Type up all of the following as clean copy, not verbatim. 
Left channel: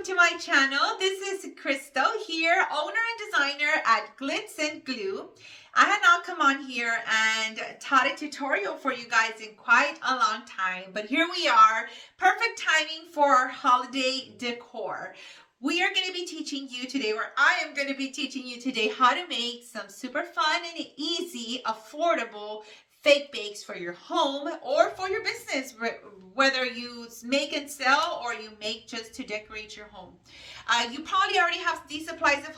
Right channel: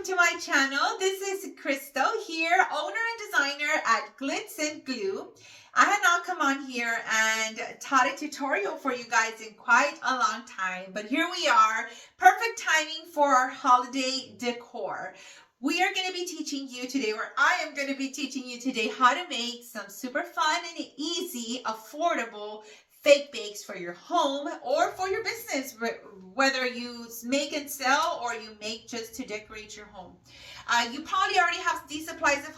welcome to my channel. This is Crystal here, owner and designer at Glittz and Glue. I had not come on here and taught a tutorial for you guys in quite a long time, but here we are, perfect timing for our holiday decor. We are going to be teaching you today, or I am going to be teaching you today, how to make some super fun and easy, affordable fake bakes for your home or for your business, whether you make and sell or you make just to decorate your home. You probably already have these supplies at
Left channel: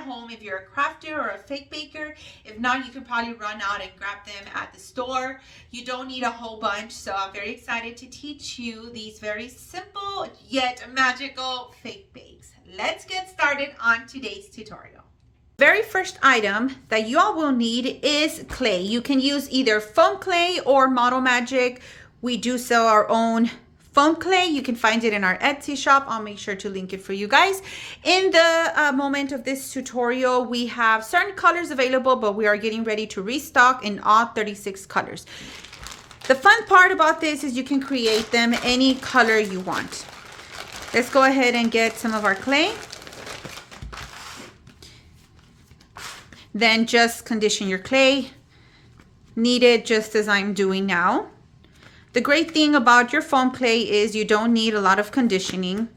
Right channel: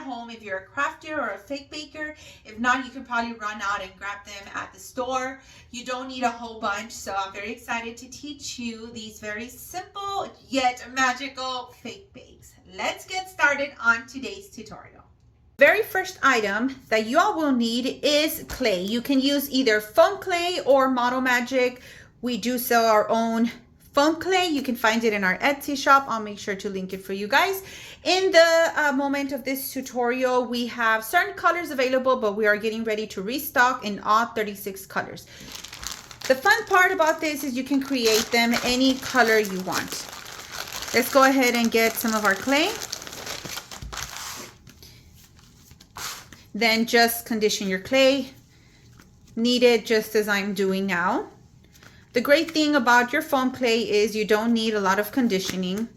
home if you're a crafter or a fake baker. If not, you can probably run out and grab them at the store. You don't need a whole bunch, so I'm very excited to teach you these very simple yet magical fake bakes. Let's get started on today's tutorial. Very first item that you all will need is clay. You can use either foam clay or Model Magic. We do sell our own foam clay. You can find it in our Etsy shop. I'll make sure to link it for you guys. In the moment of this tutorial, we have certain colors available, but we are getting ready to restock in all 36 colors. The fun part about this is you can create them any color you want. Let's go ahead and get some of our clay. Then just condition your clay. Knead it just as I'm doing now. The great thing about your foam clay is you don't need a lot of conditioning.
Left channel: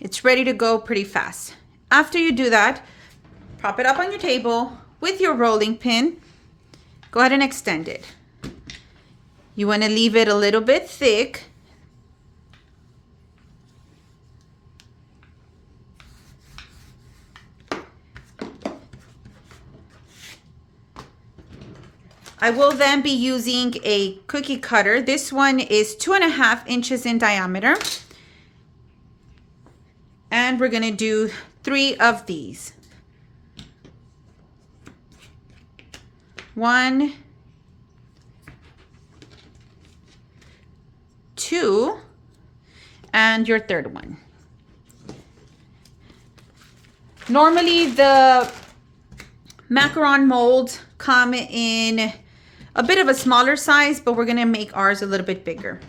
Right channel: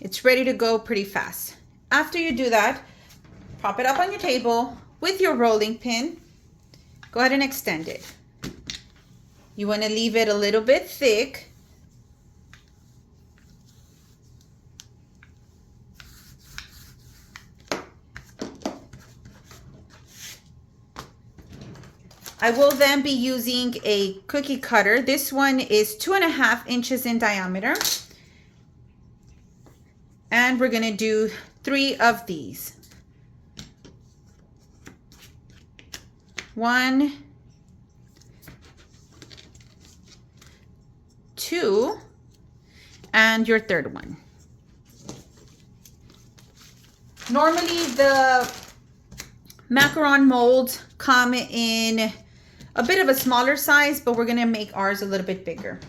It's ready to go pretty fast. After you do that, prop it up on your table with your rolling pin. Go ahead and extend it. You want to leave it a little bit thick. I will then be using a cookie cutter. This one is 2.5 inches in diameter. And we're gonna do 3 of these. 1, 2, and your third one. Normally the macaron molds come in a bit of a smaller size, but we're gonna make ours a little bit bigger.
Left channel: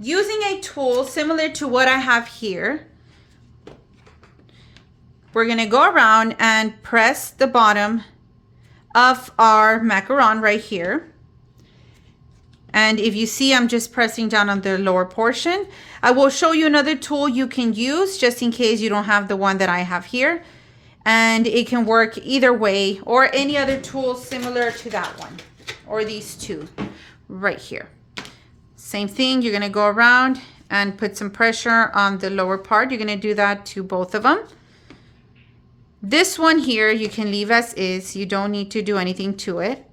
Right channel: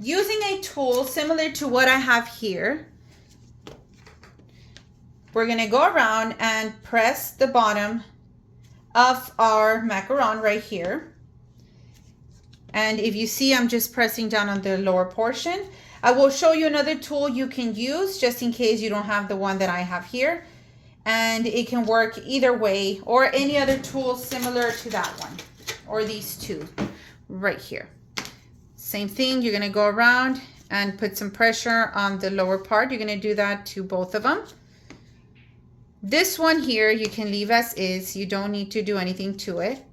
Using a tool similar to what I have here, we're gonna go around and press the bottom of our macaron right here. And if you see, I'm just pressing down on the lower portion. I will show you another tool you can use just in case you don't have the one that I have here. And it can work either way, or any other tool similar to that one, or these two right here. Same thing, you're gonna go around and put some pressure on the lower part. You're gonna do that to both of them. This one here, you can leave as is. You don't need to do anything to it.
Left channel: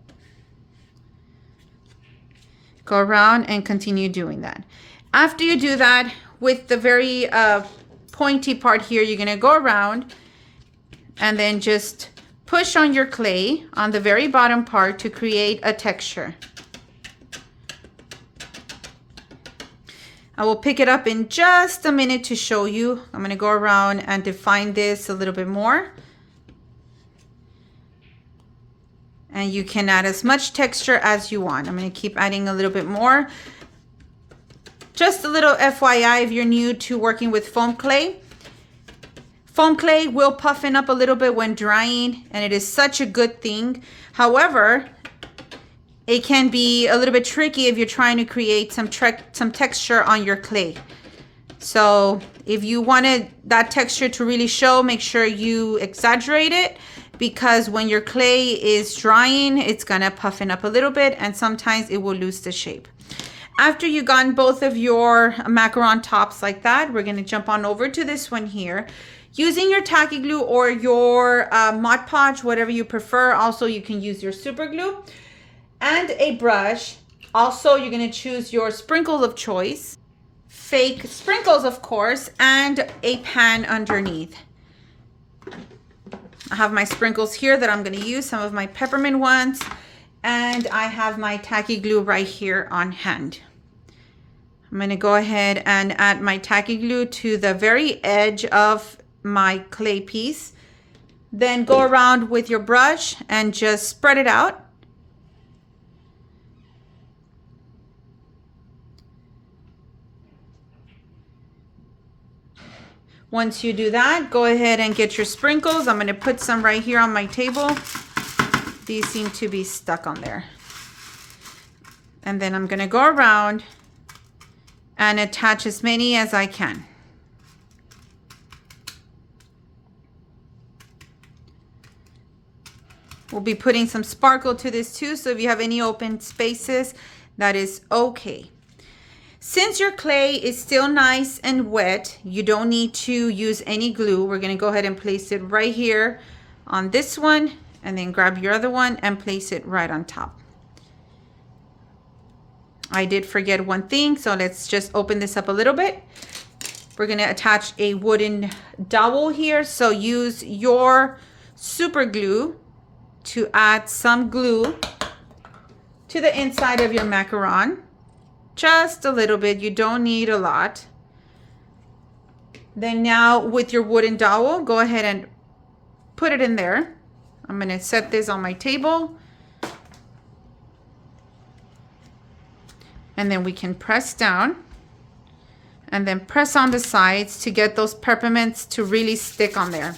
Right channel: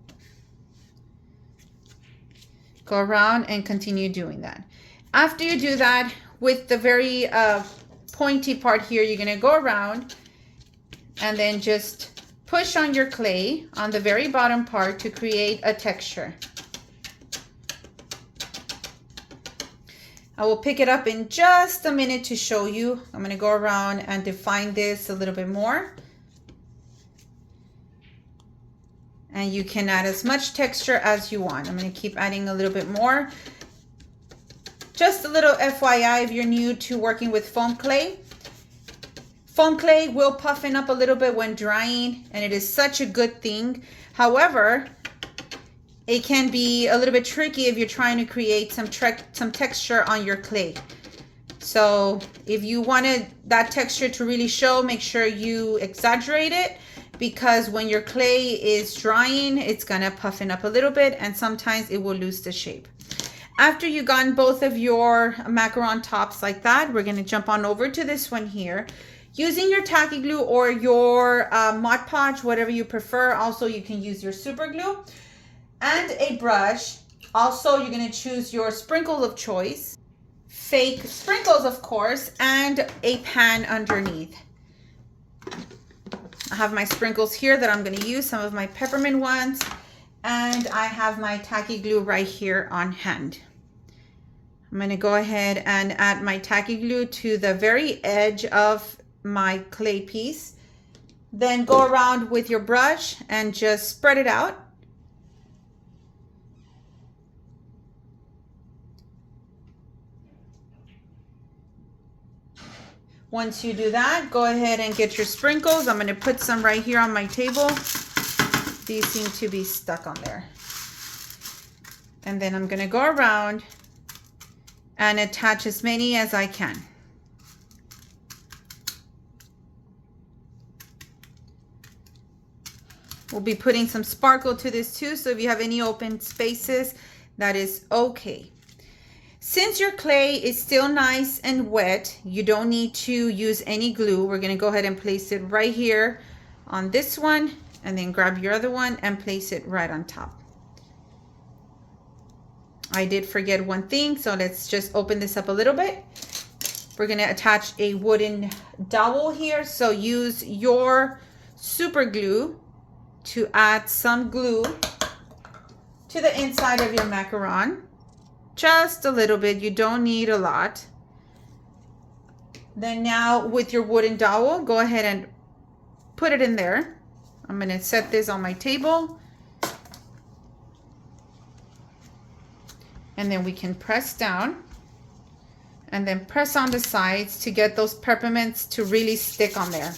Go around and continue doing that. After you do that, with the very pointy part here, you're gonna go around and then just push on your clay on the very bottom part to create a texture. I will pick it up in just a minute to show you. I'm gonna go around and define this a little bit more. And you can add as much texture as you want. I'm gonna keep adding a little bit more. Just a little FYI if you're new to working with foam clay. Foam clay will puffen up a little bit when drying, and it is such a good thing. However, it can be a little bit tricky if you're trying to create some texture on your clay. So if you wanted that texture to really show, make sure you exaggerate it, because when your clay is drying, it's gonna puffen up a little bit and sometimes it will lose the shape. After you've gotten both of your macaron tops like that, we're gonna jump on over to this one here. Using your Tacky Glue or your Mod Podge, whatever you prefer. Also, you can use your super glue and a brush. Also, you're gonna choose your sprinkles of choice, fake sprinkles, of course, and a pan underneath. I have my sprinkles here that I'm gonna use, some of my peppermint ones, and I have my Tacky Glue right here on hand. I'm gonna go ahead and add my Tacky Glue to the very edge of my clay piece. Then go around with your brush and just spread it out. Once you do that, go ahead and get your sprinkles. I'm going to put some right here on my table. These seem to be stuck on there. And then I'm going to go around and attach as many as I can. We'll be putting some sparkle to this too, so if you have any open spaces, that is okay. Since your clay is still nice and wet, you don't need to use any glue. We're going to go ahead and place it right here on this one, and then grab your other one and place it right on top. I did forget one thing, so let's just open this up a little bit. We're going to attach a wooden dowel here, so use your super glue to add some glue to the inside of your macaron. Just a little bit, you don't need a lot. Then now with your wooden dowel, go ahead and put it in there. I'm going to set this on my table. And then we can press down and then press on the sides to get those peppermints to really stick on there.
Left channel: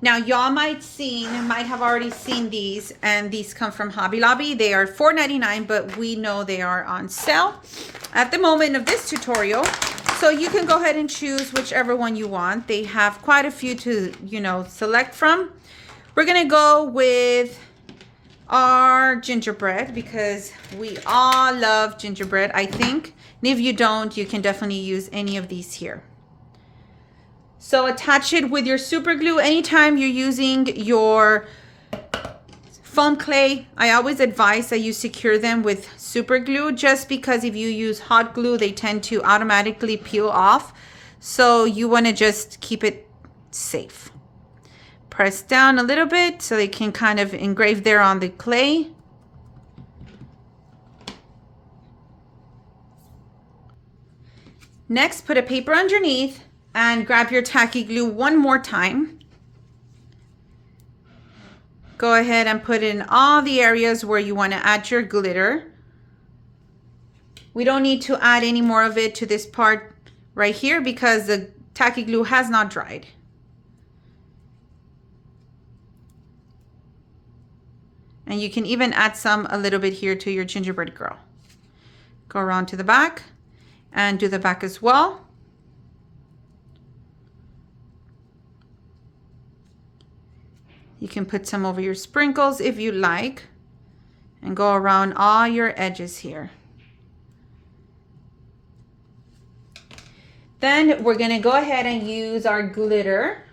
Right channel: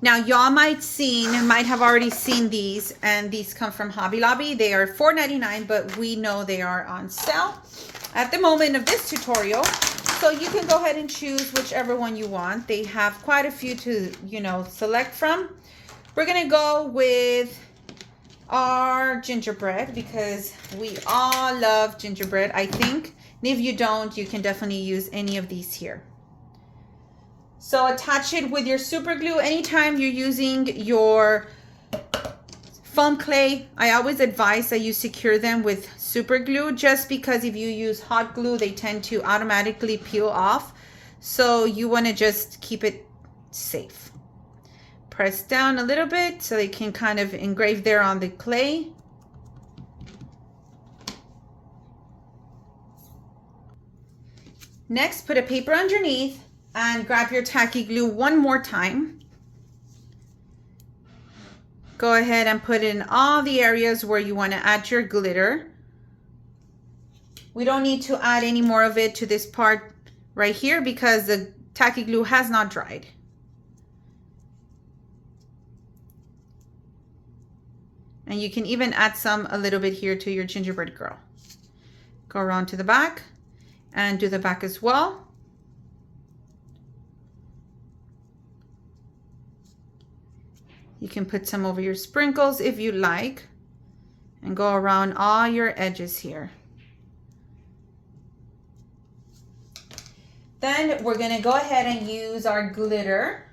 Now, y'all might have already seen these, and these come from Hobby Lobby. They are $4.99, but we know they are on sale at the moment of this tutorial. So you can go ahead and choose whichever one you want. They have quite a few to, select from. We're gonna go with our gingerbread because we all love gingerbread, I think. And if you don't, you can definitely use any of these here. So attach it with your super glue. Anytime you're using your foam clay, I always advise that you secure them with super glue, just because if you use hot glue, they tend to automatically peel off. So you want to just keep it safe. Press down a little bit so they can kind of engrave there on the clay. Next, put a paper underneath and grab your tacky glue one more time. Go ahead and put in all the areas where you want to add your glitter. We don't need to add any more of it to this part right here because the tacky glue has not dried. And you can even add some a little bit here to your gingerbread girl. Go around to the back and do the back as well. You can put some over your sprinkles if you like, and go around all your edges here. Then we're going to go ahead and use our glitter.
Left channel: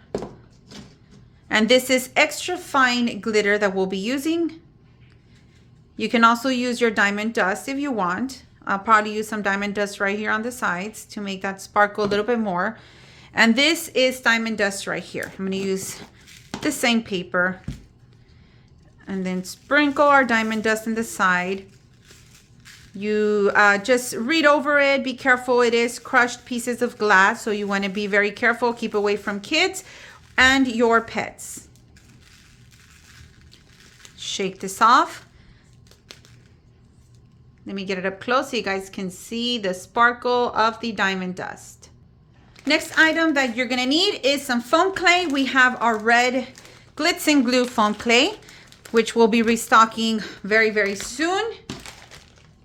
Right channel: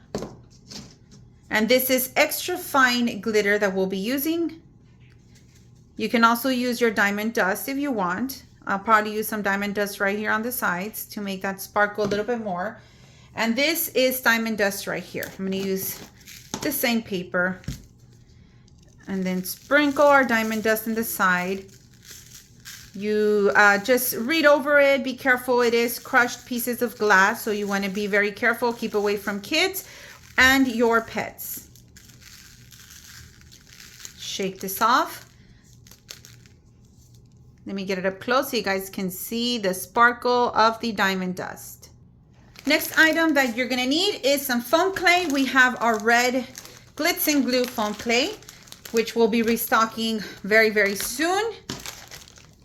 And this is extra fine glitter that we'll be using. You can also use your diamond dust if you want. I'll probably use some diamond dust right here on the sides to make that sparkle a little bit more. And this is diamond dust right here. I'm going to use the same paper and then sprinkle our diamond dust in the side. You just read over it, be careful, it is crushed pieces of glass, so you want to be very careful, keep away from kids and your pets. Shake this off. Let me get it up close so you guys can see the sparkle of the diamond dust. Next item that you're gonna need is some foam clay. We have our red Glittz and Glue foam clay, which we'll be restocking very, very soon.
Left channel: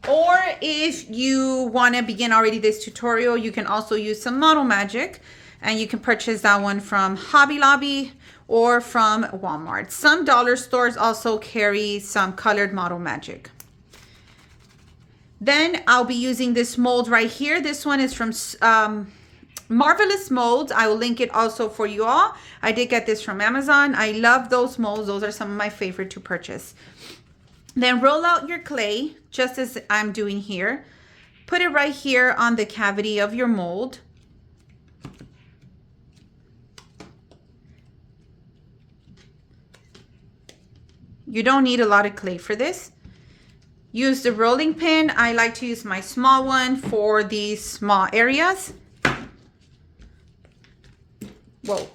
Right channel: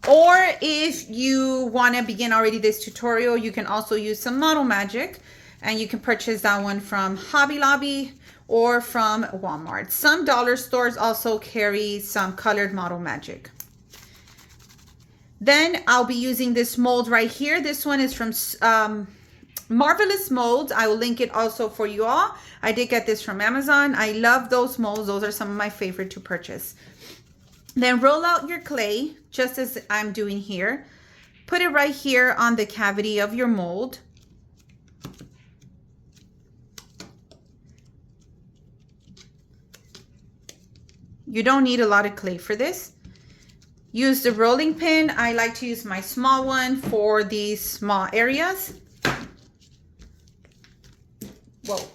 Or if you wanna begin already this tutorial, you can also use some Model Magic, and you can purchase that one from Hobby Lobby or from Walmart. Some dollar stores also carry some colored Model Magic. Then I'll be using this mold right here. This one is from Marvelous Molds. I will link it also for you all. I did get this from Amazon. I love those molds. Those are some of my favorite to purchase. Then roll out your clay just as I'm doing here. Put it right here on the cavity of your mold. You don't need a lot of clay for this. Use the rolling pin. I like to use my small one for these small areas. Whoa.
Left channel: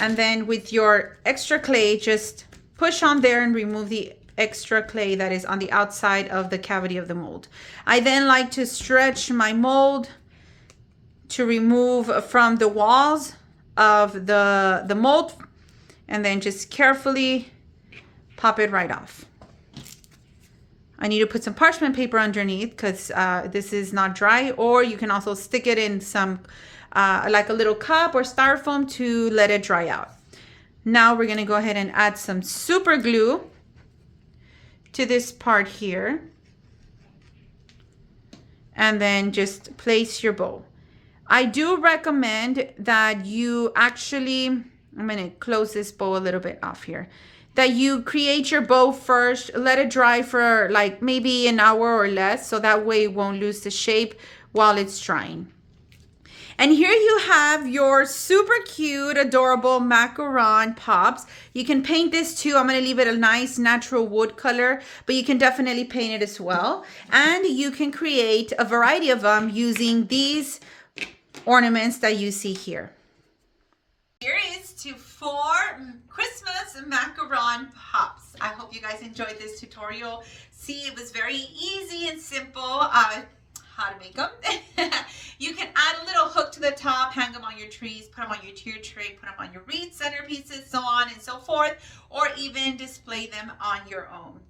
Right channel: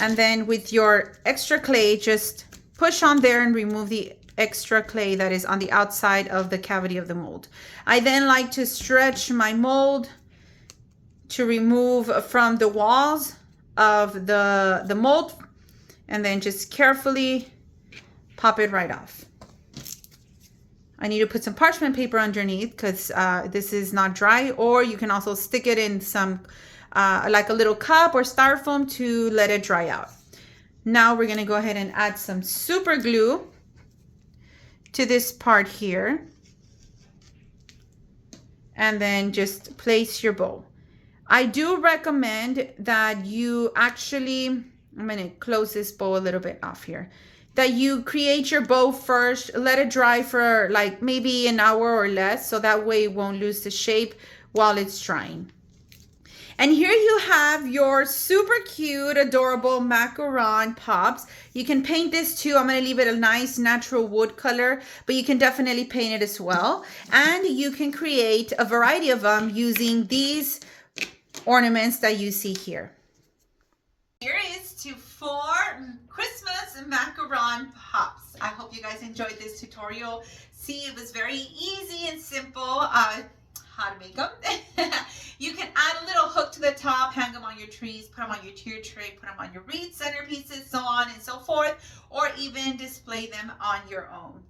And then with your extra clay, just push on there and remove the extra clay that is on the outside of the cavity of the mold. I then like to stretch my mold to remove from the walls of the mold, and then just carefully pop it right off. I need to put some parchment paper underneath because this is not dry, or you can also stick it in some like a little cup or styrofoam to let it dry out. Now we're gonna go ahead and add some super glue to this part here, and then just place your bow. I do recommend that you actually, I'm gonna close this bow a little bit off here, that you create your bow first, let it dry for like maybe an hour or less, so that way it won't lose the shape while it's drying. And here you have your super cute, adorable macaron pops. You can paint this too. I'm going to leave it a nice natural wood color, but you can definitely paint it as well. And you can create a variety of them using these ornaments that you see here. Here is to 4 Christmas macaron pops. I hope you guys enjoyed this tutorial. See, it was very easy and simple. How to make them. You can add a little hook to the top, hang them on your trees, put them on your tier tray, put them on your wreath centerpieces, so on and so forth, or even display them on your own.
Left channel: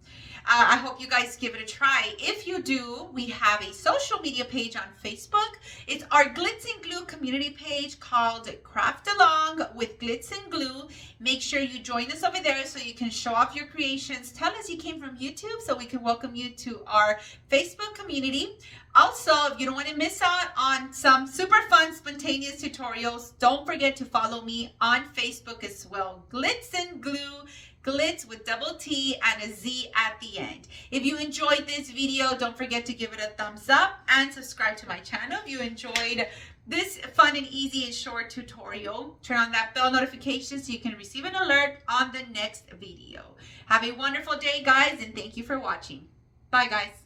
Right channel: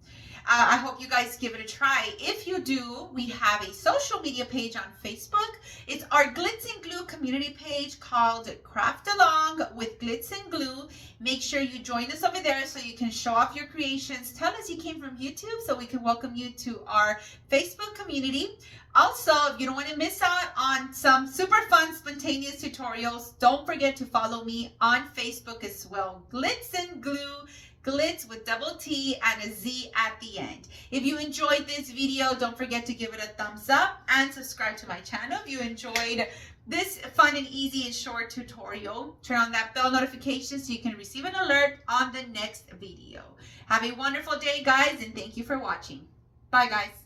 I hope you guys give it a try. If you do, we have a social media page on Facebook. It's our Glitz and Glue community page called Craft Along with Glitz and Glue. Make sure you join us over there so you can show off your creations. Tell us you came from YouTube so we can welcome you to our Facebook community. Also, if you don't want to miss out on some super fun, spontaneous tutorials, don't forget to follow me on Facebook as well. Glitz and Glue. Glitz with double T and a Z at the end. If you enjoyed this video, don't forget to give it a thumbs up and subscribe to my channel. If you enjoyed this fun and easy and short tutorial, turn on that bell notification so you can receive an alert on the next video. Have a wonderful day, guys, and thank you for watching. Bye, guys.